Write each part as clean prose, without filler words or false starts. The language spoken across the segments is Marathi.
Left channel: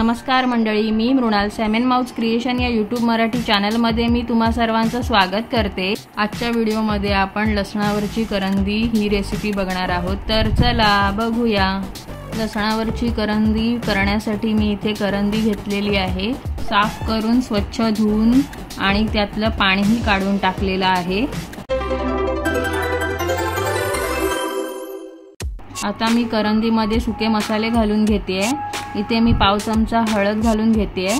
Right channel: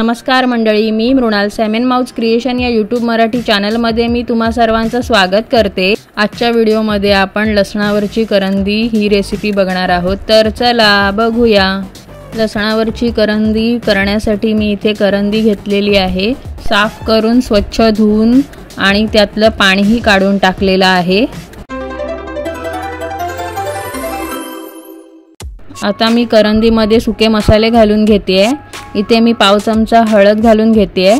नमस्कार मंडळी, मी मृणाल सॅमेन माउस क्रिएशन या यूट्यूब मराठी चॅनलमध्ये मी तुम्हा सर्वांचं स्वागत करते। आजच्या व्हिडिओमध्ये आपण लसणावरची करंदी ही रेसिपी बघणार आहोत, तर चला बघूया। लसणावरची करंदी करण्यासाठी मी इथे करंदी घेतलेली आहे, साफ करून स्वच्छ धुवून आणि त्यातलं पाणीही काढून टाकलेलं आहे। आता मी करंदीमध्ये सुके मसाले घालून घेते। इथे मी पाव चमचा हळद घालून घेते,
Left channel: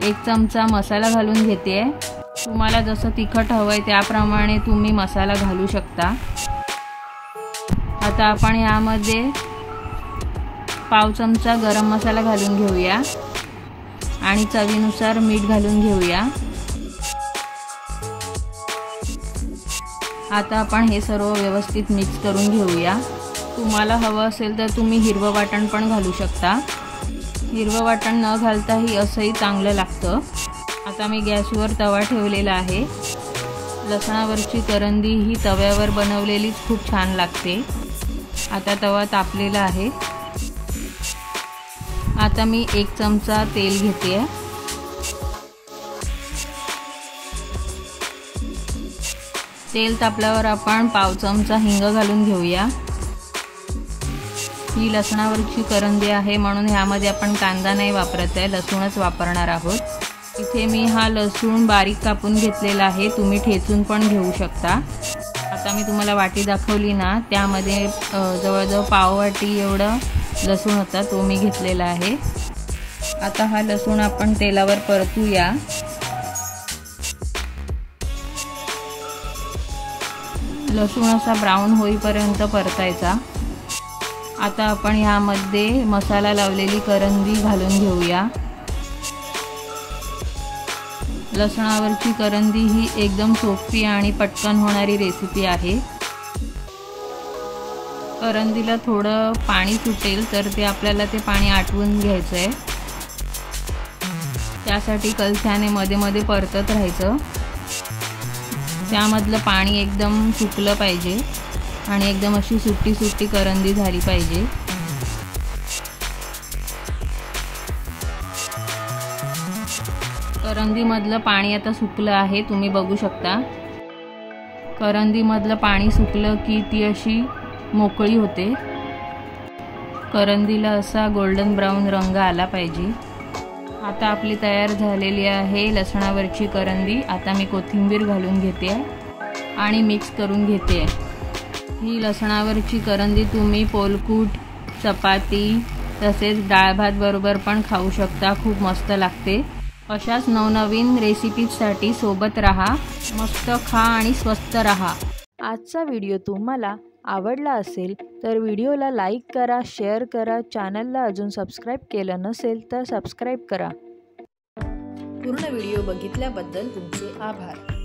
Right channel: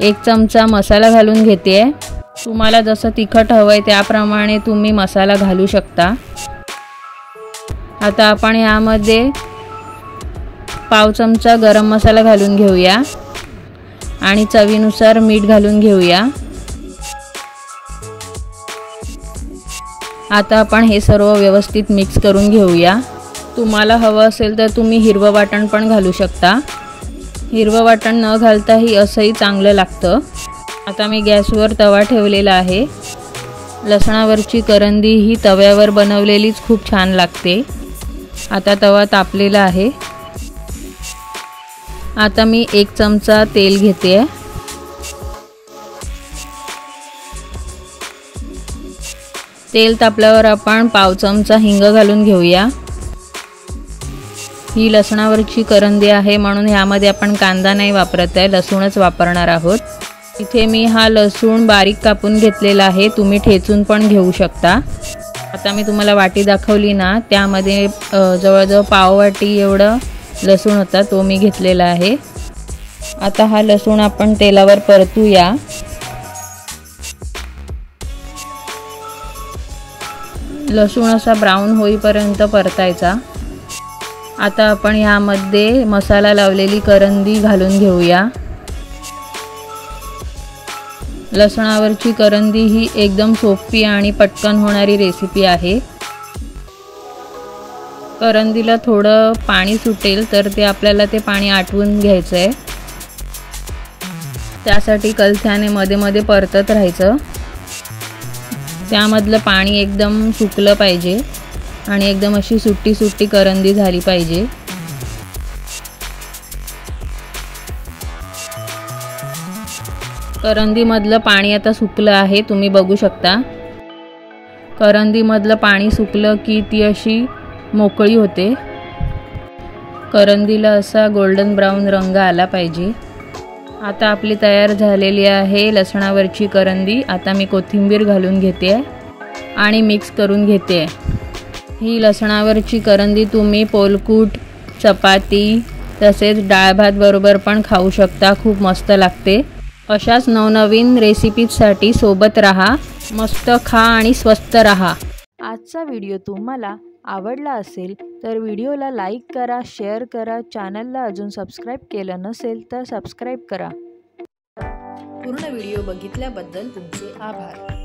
1 चमचा मसाला घालून घेते। तुम्हाला जसं तिखट हवंय त्याप्रमाणे तुम्ही मसाला घालू शकता। आता आपण यामध्ये पाव चमचा गरम मसाला घालून घेऊया आणि चवीनुसार मीठ घालून घेऊया। आता आपण हे सर्व व्यवस्थित मिक्स करून घेऊया। तुम्हाला हवं असेल तर तुम्ही हिरवं वाटण पण घालू शकता। हिरवं वाटण न घालताही असंही चांगलं लागतं। आता मी गॅसवर तवा ठेवलेला आहे। लसणावरची करंदी ही तव्यावर बनवलेलीच खूप छान लागते। आता तवा तापलेला आहे। आता मी 1 चमचा तेल घेते। तेल तापल्यावर आपण पाव चमचा हिंग घालून घेऊया। ही लसणावरची करंदी आहे म्हणून ह्यामध्ये आपण कांदा नाही वापरत आहे, लसूणच वापरणार आहोत। इथे मी हा लसूण बारीक कापून घेतलेला आहे, तुम्ही ठेचून पण घेऊ शकता। आता मी तुम्हाला वाटी दाखवली ना, त्यामध्ये जवळजवळ पाववाटी एवढं लसूण होता, तो मी घेतलेला आहे। आता हा लसूण आपण तेलावर परतूया। लसूण असा ब्राऊन होईपर्यंत परतायचा। आता आपण यामध्ये मसाला लावलेली करंदी घालून घेऊया। लसणावरची करंदी ही एकदम सोपी आणि पटकन होणारी रेसिपी आहे। करंदीला थोडं पाणी सुटेल तर ते आपल्याला ते पाणी आटवून घ्यायचं आहे। त्यासाठी कलथ्याने मध्ये मध्ये परतत राहायचं। त्यामधलं पाणी एकदम सुकलं पाहिजे आणि एकदम अशी सुट्टी सुट्टी करंदी झाली पाहिजे। करंदीमधलं पाणी आता सुकलं आहे, तुम्ही बघू शकता। करंदीमधलं पाणी सुकलं की ती अशी मोकळी होते। करंदीला असा गोल्डन ब्राऊन रंग आला पाहिजे। आता आपली तयार झालेली आहे लसणावरची करंदी। आता मी कोथिंबीर घालून घेते आणि मिक्स करून घेते। ही लसणावरची करंदी तुम्ही पोलकूट, चपाती तसेच डाळ भात बरोबर पण खाऊ शकता, खूप मस्त लागते। अशाच नवनवीन रेसिपीजसाठी सोबत राहा, मस्त खा आणि स्वस्त राहा। आजचा व्हिडिओ तुम्हाला आवडला असेल तर व्हिडिओला लाईक करा, शेअर करा, चॅनलला अजून सबस्क्राईब केलं नसेल तर सबस्क्राईब करा। पूर्ण व्हिडिओ बघितल्याबद्दल तुमचे आभार।